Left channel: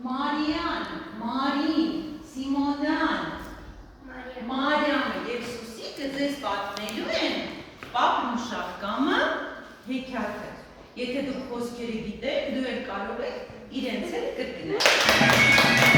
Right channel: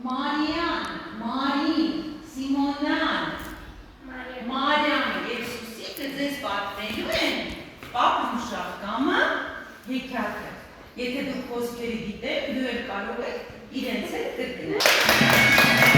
Մարիան, Մարին, Սիմոնան, Մարիան և Սուսիկը ձեզ պատմելու են Պապն ու Շահկամը հեքիաթը։ Եթե դուք խոսքերը գիտեք, դու էլ կարող եք իրենց հետ կրկնել։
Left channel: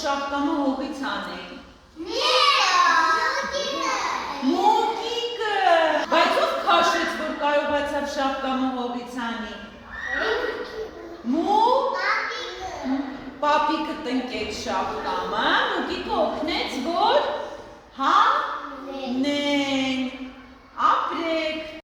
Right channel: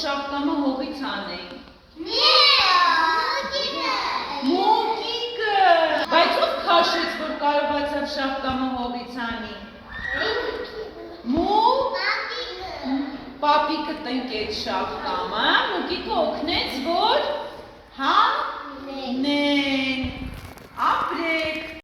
Շահկամը հողից հանեն։ Մոկիկը։ Բայց ով քաշեց, որ կարողացավ Շահկամը հողից հանի։ Պապիկը տնկեց Շահկամը, մոկիկը